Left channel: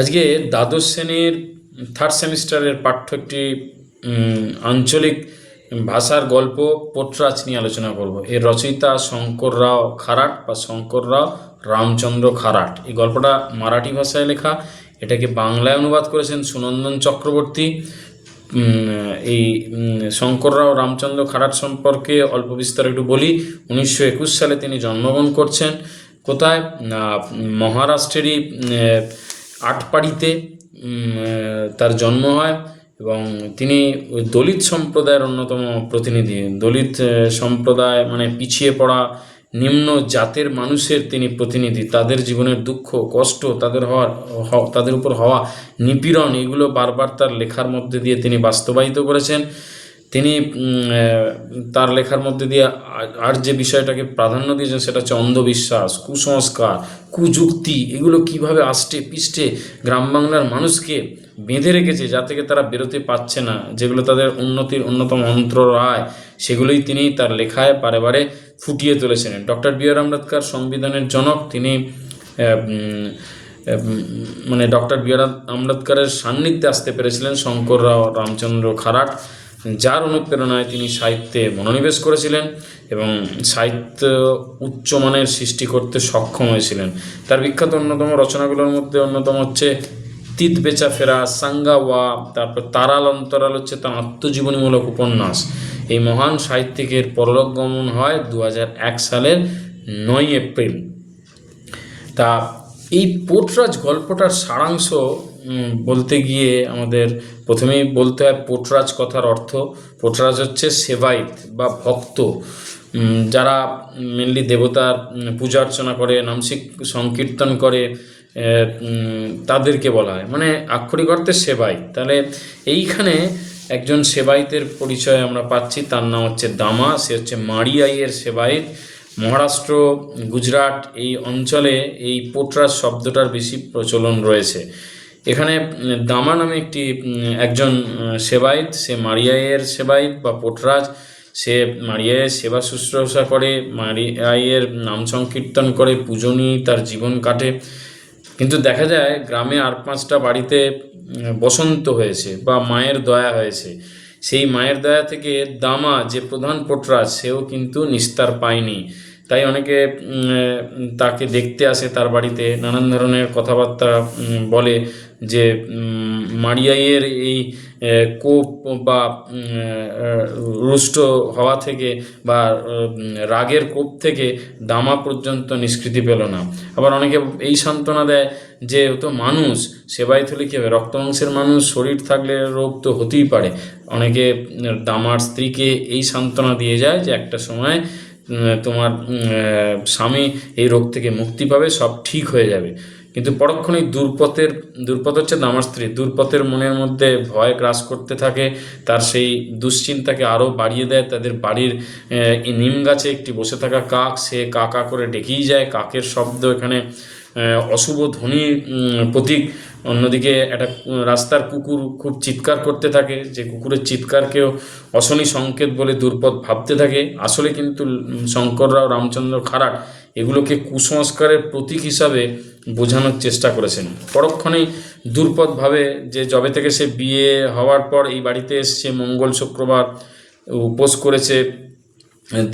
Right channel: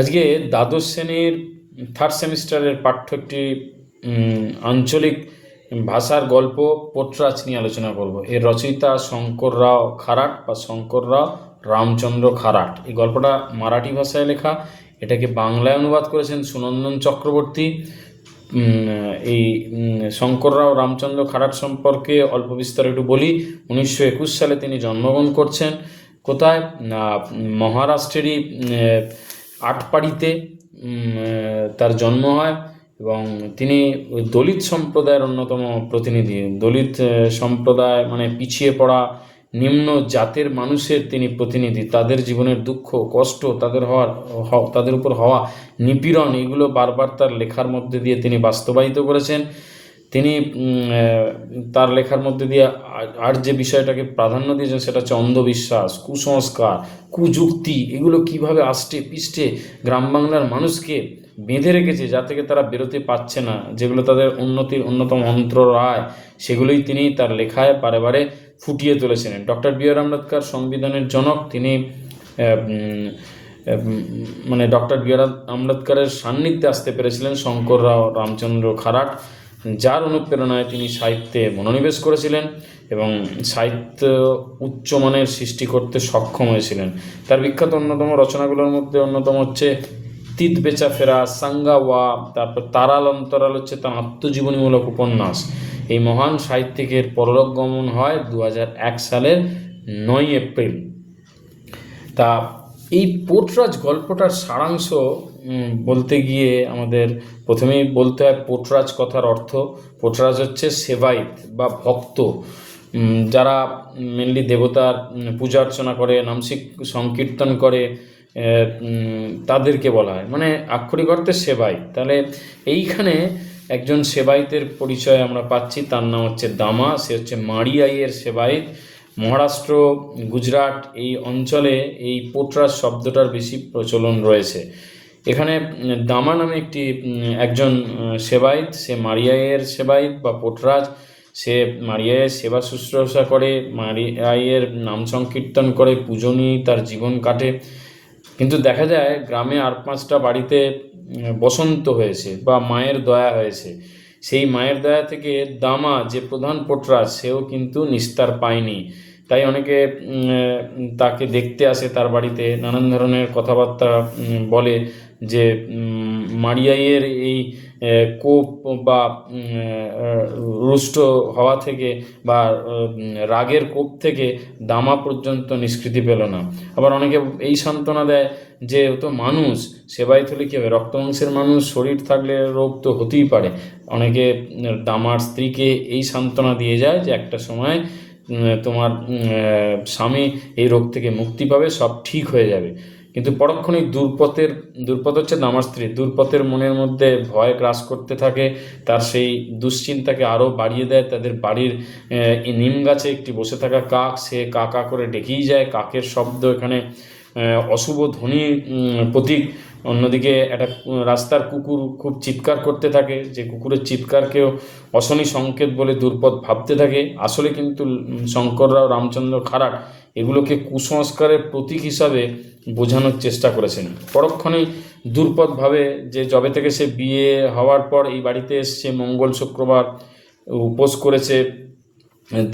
আজকে দ্বাদশ শ্রেণীর থার্ড সেমিস্টারের পাঠ্য একটি আঞ্চলিক ভাষার গল্প পোটরাজ নিয়ে আলোচনা করব। এর রচয়িতা শঙ্কর রাও খারাট বা শঙ্কর রাও রামচন্দ্র খারাট। এই গল্পটা মারাঠি ভাষায় লেখা, এটাকে বাংলায় অনুবাদ করেছেন সুনন্দন চক্রবর্তী। এই শঙ্কর রাও রামচন্দ্র খারাট সম্পর্কে অল্প বিস্তার একটু বলি। 1921 সালে তিনি জন্মগ্রহণ করছেন। কোথায়? না, মহারাষ্ট্রেরই আটপাড়িতে তার জন্ম হয় এবং তিনি ওই দলিত সম্প্রদায়ের অন্যতম প্রতিনিধি। দলিত সম্প্রদায় মানে পিছিয়ে পড়া নিম্ন জাতের মানুষের তিনি প্রতিনিধি। তাদের জীবনের দুঃখ কষ্ট, তাদের উপর হওয়া নিপীড়ন, এগুলো বারবার তার লেখার মধ্যে দিয়ে তিনি বাস্তবায়িত করেছেন। তিনি তার লেখার মধ্যে দিয়ে আর যে বিষয়টাকে প্রাধান্য দিয়েছেন সেটা হচ্ছে অন্ধবিশ্বাস, কুসংস্কার, কুযুক্তি, এগুলো কিভাবে আষ্টে পিষ্টে গ্রাম বাংলার মানুষকে বেঁধে রেখেছে, যা থেকে তারা বেরোতে পারছে না, যেগুলো তাদের উন্নতির অন্যতম অন্তরায়, সেগুলোই তিনি তার লেখায় বারে বারে ফুটিয়ে তুলেছিলেন। ডক্টর বি আর আম্বেদকর সংবিধানের জনক। তিনি মানে ডক্টর বি আর আম্বেদকরের সান্নিধ্যে আসতে পেরেছিলেন শঙ্কর রাও রামচন্দ্র খারাট, যার অনুপ্রেরণায় তিনি সাহিত্যে মনোনিবেশ করেছিলেন এবং সাহিত্য উচ্চমানের সৃষ্টি করতে সক্ষম হয়েছিলেন। তার বিখ্যাত অন্যতম রচনাগুলোর মধ্যে অন্যতম হচ্ছে তিত বেচা ফেরা, সাঙ্গাওয়া, তারপর তারাল অন্তরাল হচ্ছে তার আত্মজীবনীমূলক উপন্যাস। এই মহান সাহিত্যিকের পরলোক গমন হয় 2001 সালের 9 এপ্রিল। তা এই পোটরাজ গল্পটার সারাংশ বলতে গিয়ে আমাদের প্রথমেই বলতে হয় পোটরাজ কথার অর্থ। পোটরাজ হচ্ছে সেবাইত বা ভক্ত, যারা মেনলি দেবতার পূজা অর্চনা করে, নাম সংকীর্তন করে, তাদেরকে বলা হয়, মানে আক্ষরিক অর্থে সেবাইত। তাহলে এইখানে একজন সেবাইতের পরিচয় আমরা পাচ্ছি, তার নাম হচ্ছে দামা। সে হচ্ছে মারিয়াইয়ের সেবাইত। মহারাষ্ট্র, গুজরাট এই অঞ্চলে এই পোটরাজ শব্দটার বেশি প্রচলন রয়েছে। এখানে দামা নামে একজন সেবাইত, সে মারিয়াইয়ের সেবাইত বা পোটরাজ। সে মারিয়াইয়ের সেবা শুশ্রূষা করে, মারিয়াইয়ের নাম সংকীর্তন করে, পুজো নিয়েই তার জীবন কাটে। কিন্তু দেখা যায় গ্রামে আর 5টা বাড়িতে বসন্ত হয়েছে বা মায়ের দয়া হয়েছে। সেই মায়ের দয়া থেকে দামা যে প্রধান পোটরাজ, সেও কিন্তু নিস্তার পায়নি। তাই অনেকে তাকে দেখতে আসে তার বাড়িতে, নানান ধরনের কথাবার্তা বলে যে মারিয়াইয়ের এই কোপ বা রুষ্ট হওয়া থেকে বা রাগের কোপ থেকে দামা পর্যন্ত নিষ্কৃতি পেল না। আবার অনেকে এই সান্ত্বনা দেয় যে ও তো মানুষ, সেবাইত হলে কী হবে, রক্তমাংসের মানুষ, শরীর থাকলে রোগ তো হতেই পারে। অনেকে দামার স্ত্রীকে এই সান্ত্বনা দিয়ে যায় যে একটা সময় তোমার স্বামী এই রোগ থেকে মুক্তি পাবে, সব ঠিক হয়ে যাবে। কিন্তু পরক্ষণেই দুর্পথ হচ্ছে দামার স্ত্রী, দুর্পথের মনের মধ্যে ভয় গ্রাস করতে থাকে। তার সেই দুশ্চিন্তাকে আরও বাড়িয়ে দেয়। তাদের বাড়ির নিম গাছে একটি বসে থাকা কাক, সে কা কা করে ডেকেই যায়। কাকের শব্দ এখানে অশুভ ধ্বনির প্রতীক। অন্যদিকে একটা রাস্তার কুকুর খুব চিৎকার করতে থাকে, যে কুকুরের চিৎকারকেও অশনি সংকেত বলে দুর্পদ ভাবতে থাকে। আসলে কিন্তু শঙ্কররাও রামচন্দ্র খারাট এগুলোকে কুসংস্কারের প্রতীক হিসাবে বোঝানোর চেষ্টা করেছেন। পরক্ষণেই দুর্পদ ভাবে যে যবে থেকে সে বিয়ে হওয়ার পর এই বাড়িতে এসছে, মঙ্গল শুক্রবার উপোস করেছে,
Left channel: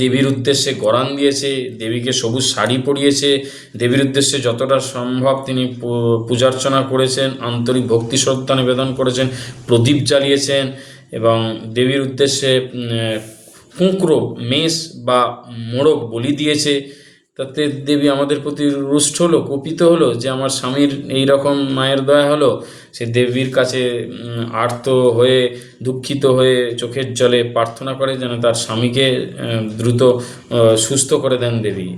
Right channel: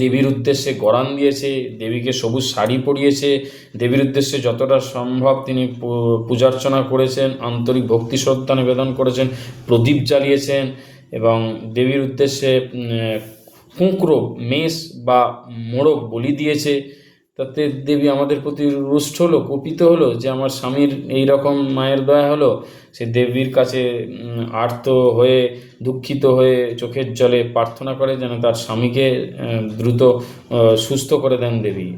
দেবীর উদ্দেশ্যে গরান দিয়েছে, দেবীকে সবুজ শাড়ি পরিয়েছে, দেবীর উদ্দেশ্যে যতটা সম্ভব তিনি পূজার্চনা করেছেন, আন্তরিক ভক্তি শ্রদ্ধা নিবেদন করেছেন, প্রদীপ জ্বালিয়েছেন এবং দেবীর উদ্দেশ্যে কুঁকড়ো, মেষ বা মোড়ক বলি দিয়েছে। তাতে দেবী আমাদের প্রতি রুষ্ট হলো, কুপিত হলো যে আমার স্বামীর এই রকম মায়ের দয়া হলো। সে দেবীর কাছে আর্ত হয়ে, দুঃখিত হয়ে চোখের জলে প্রার্থনা করে যেন তার স্বামীকে দ্রুত সুস্থ করে দেন দেবী।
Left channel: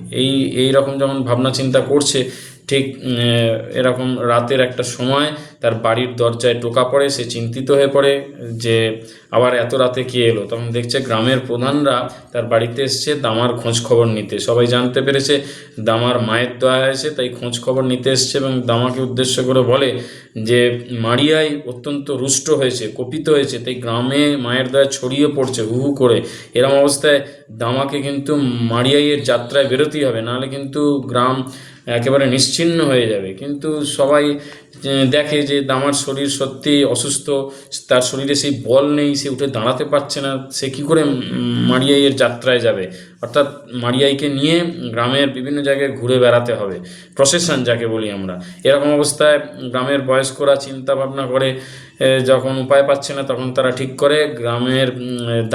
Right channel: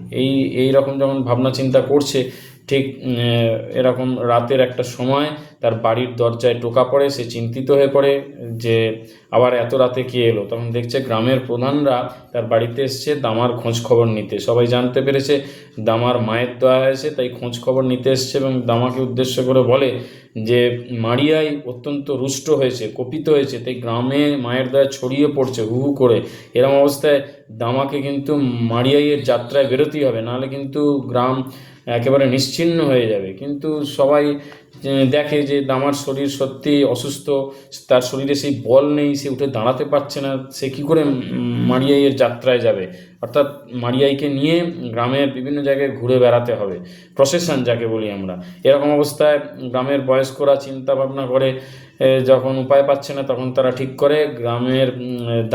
এই রকম যখন ভাবনা চিন্তা করছে, ঠিক এরকম রাতের একটা সময় তার বাড়ির দরজায় টোকা পড়ে। সে চিন্তিত হয়ে পড়ে যে আবার এত রাতে কে এলো। তখন দেখছে গ্রামের প্রধানরা তার বাড়িতে এসছে দামার খোঁজ খবর নিতে। সবাই জানতে পেরেছে দামার মায়ের দয়া হয়েছে, তাই খোঁজ খবর নিতে এসছে এবং দামাকে উদ্দেশ্য করে বলে যে মারিয়াই অত্যন্ত রুষ্ট হয়েছে, কোপিত হয়েছে, তাই গ্রামে মায়ের দয়া ছড়িয়ে পড়ছে হু হু করে। এরকম অবস্থায় দামাকে কিন্তু মারিয়াইয়ের যাত্রায় বেরোতেই হবে, নাহলে কিন্তু গ্রাম একেবারে নিশ্চিহ্ন হয়ে যাবে। কিন্তু সবাই দেখে যে দামার শরীর সত্যি অসুস্থ, তার শরীরে সেই বল নেই, সে উঠে দাঁড়াতে পারছে না, সে কী করে মারিয়াইয়ের যাত্রায় যাবে। অর্থাৎ মারিয়াইকে নিয়ে গ্রামের বিভিন্ন জায়গায় ঘুরে বেড়াতে হবে, প্রসেশন যাকে বলি আমরা। এরকম অবস্থায় গ্রামের বয়স্করা চিন্তা ভাবনা করে, যখন উপায় পাচ্ছে না তখন তারা ঠিক করে গ্রামের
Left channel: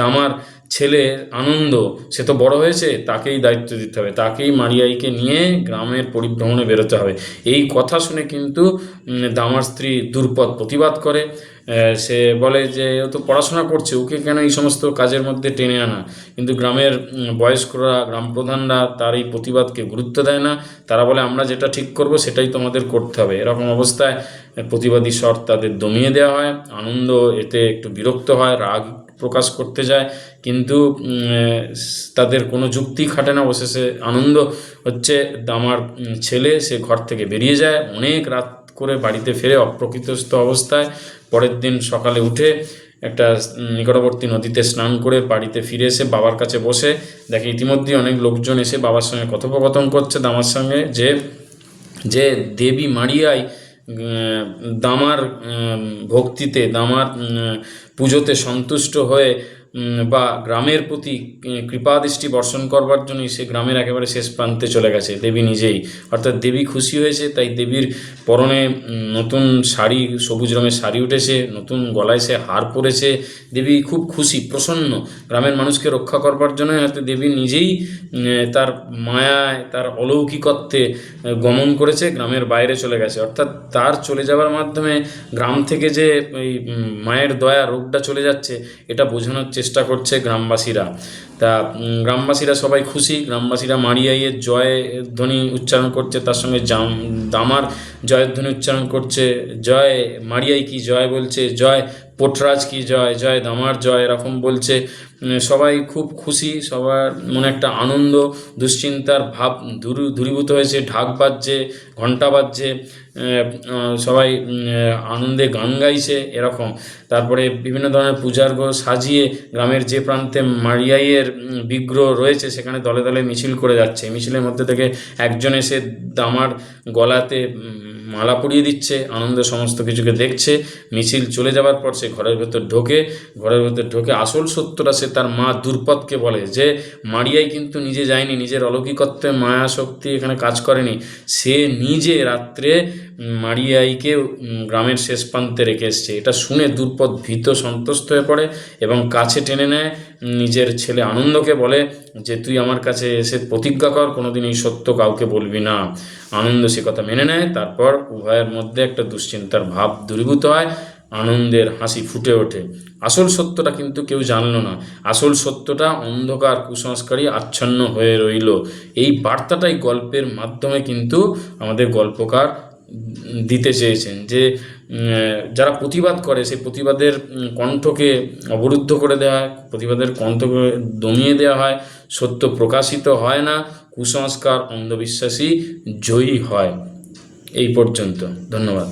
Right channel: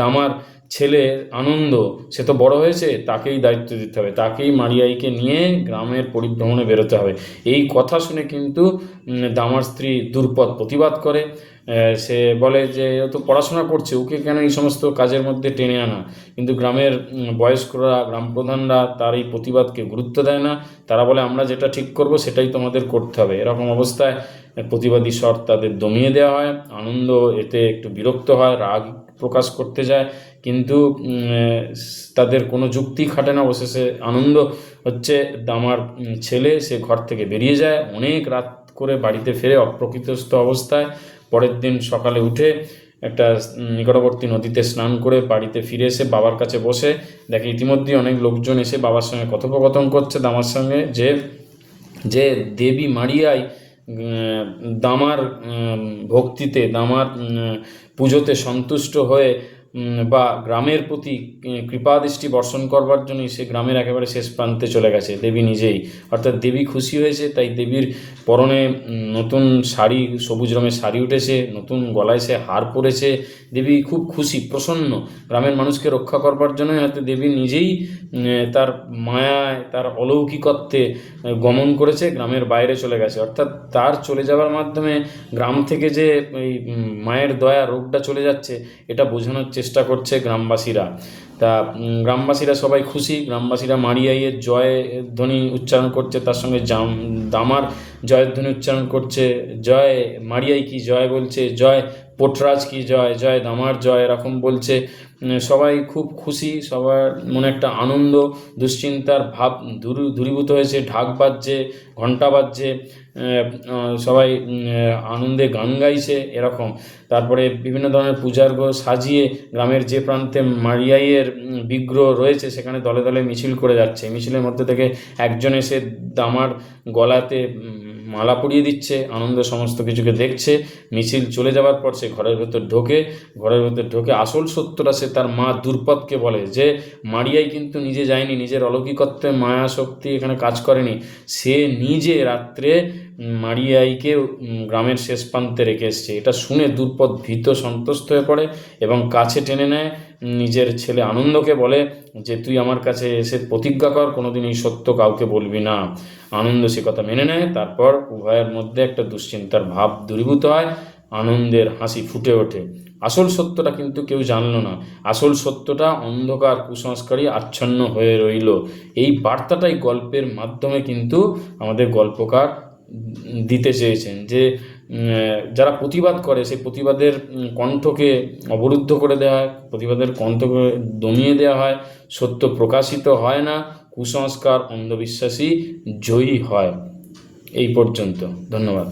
দামার ছেলে আনন্দ, সে তো বড় হয়েছে, তাকেই দায়িত্ব দিতে হবে, তাকেই মারিয়াইকে নিয়ে গ্রামের পরিভ্রমণে বেরোতে হবে। এই কথা শুনে কিন্তু দামার স্ত্রী দুর্পদ প্রতিবাদ করে। সে বলে যে ও তো পড়াশোনা করছে, ওকে কেন এই সমস্ত কাজের মধ্যে টেনে আনা। কিন্তু গ্রামের বয়স্করা, গ্রাম প্রধানরা তার এই প্রতিবাদকে গুরুত্ব দেয় না। তারা বলে আমরা যেটা ঠিক করব সেটাই তোমাদের করতে হবে। এরকম অবস্থায় প্রতিবাদী স্বর তাদের দমিয়ে দেওয়া হয়। আনন্দ এতে একটু বিরক্ত হয়, রাগ প্রকাশ করতে যায়, কিন্তু তাদের কোনো যুক্তি খাটে না। অবশেষে আনন্দ হচ্ছে দামার ছেলে, সে ঘর থেকে বেরিয়ে যায়, অনেক রাত করে বাড়িতে ফিরে অপ্রকৃতস্থ অবস্থায়। পরের দিন সকালে উঠে একটা নিকটবর্তী নদীতে স্নান করে বাড়িতে ফিরে এসে বাবার কাছে বসে দেখে ইতিমধ্যে অনেক লোকজন এসে বাবার সঙ্গে কথোপকথন করছে দামার সঙ্গে, যে দেবী মারিয়াই দামার ভক্তিতে, দামার পুজোতে সন্তুষ্ট হয়ে বা গ্রামের প্রতি কৃপাদৃষ্টি বর্ষণ করবার জন্যই সে গ্রামের একেবারে শেষ প্রান্তে চলে গেছে, দেবী নিজেই। অর্থাৎ দেবী খুশি হয়েছে, তাই দেবীর পরনে নতুন শাড়ি, সবুজ রঙের শাড়ি উঠেছে, নতুন গলায় সে হার পরেছে। দেবী খুব খুশি, প্রসন্ন। গ্রামের মানুষকে রক্ষা করবার জন্যই হয়তো দেবী নিজেই তার মায়ায়, তার অলৌকিকত্বে গমন করেছে, গ্রামের বাইরে চলে গেছে। অর্থাৎ তার চলে যাওয়ার মাধ্যমে গ্রাম থেকে যে ওই মায়ের দয়া, রোগটা চলে যাচ্ছে, এটা বোঝানোর চেষ্টা করছে গ্রামবাসীরা। তা গ্রামবাসীরা সবাই খুশি। গ্রামবাসীরা মারিয়াইয়ের জয় ধ্বনি উচ্চারণ করছে, তার সঙ্গে দামার জয়ের ধ্বনি উচ্চারণ করছে। জয় মারিয়াই কি জয় বলছে, জয় পোটরাজ কি জয়, জয় দামার জয়, এরকম বলছে। সবাই খুব খুশি, সবার মনে একটা আনন্দ, দুশ্চিন্তার ভাব দূরীভূত হয়েছে। ঢাক বাজছে, ঘণ্টা বাজছে, সবাই আনন্দে গান গাইছে এরকম। তারপরে বিভিন্ন ধরনের পূজার্ঘ সাজিয়ে গ্রামের যে প্রান্তে মারিয়াইয়ের বিগ্রহ রয়েছে সেখানে দলে দলে মিছিল করে যাচ্ছে। মিছিলের মধ্যে থেকে একজন এসে দামার গলাতে মালা পরিয়ে দিচ্ছে। আনন্দ সমস্ত কিছুকে দেখছে। মিছিল চলে যাওয়ার পর সে ঘরের ভেতর ঢোকে। আসল সত্যটা সে তার মা দুর্পদকে বলে যে মারিয়াই কিন্তু নিজে যায়নি, নিজের অলৌকিকত্বে মায়া শক্তি এখানে কাজ করেনি। সে নিজে রাত্রে মারিয়াইকে গ্রামের শেষ প্রান্তে রেখে এসছে। এটা শুনে দুর্পদ ভীত সন্ত্রস্ত হয়ে পড়ে এবং কাছে টেনে নেয় নিজের ছেলে আনন্দকে, বলে যে তুই আমার কাছে এসে প্রতিজ্ঞা কর কোনোদিন এই সত্য কাউকে বলবি না। আনন্দ সে কথা মেনে নেয়। তারপর উভয়ের মধ্যে একটা দুশ্চিন্তার ভাব দূরীভূত হয়, আনন্দের হাসি ফুটে ওঠে। আসল সত্যটা কিন্তু কেউ জানলো না। আসল সত্যটা অন্ধকার কুসংস্কারই আচ্ছন্ন হয়ে রইল। এই বার্তাটাই গল্পের মাধ্যমে কিন্তু আমাদের গল্পকার দিতে চেয়েছেন, যে যারা প্রতিবাদ করে সেই প্রতিবাদের কণ্ঠকে অবরুদ্ধ করে দেওয়া হয়, প্রতিবাদের কণ্ঠকে দমিয়ে দেওয়া হয়, সত্য প্রকাশিত হয় না, কুসংস্কার অন্ধবিশ্বাসী জয়ী হয়। এই পর্যন্ত, ধন্যবাদ।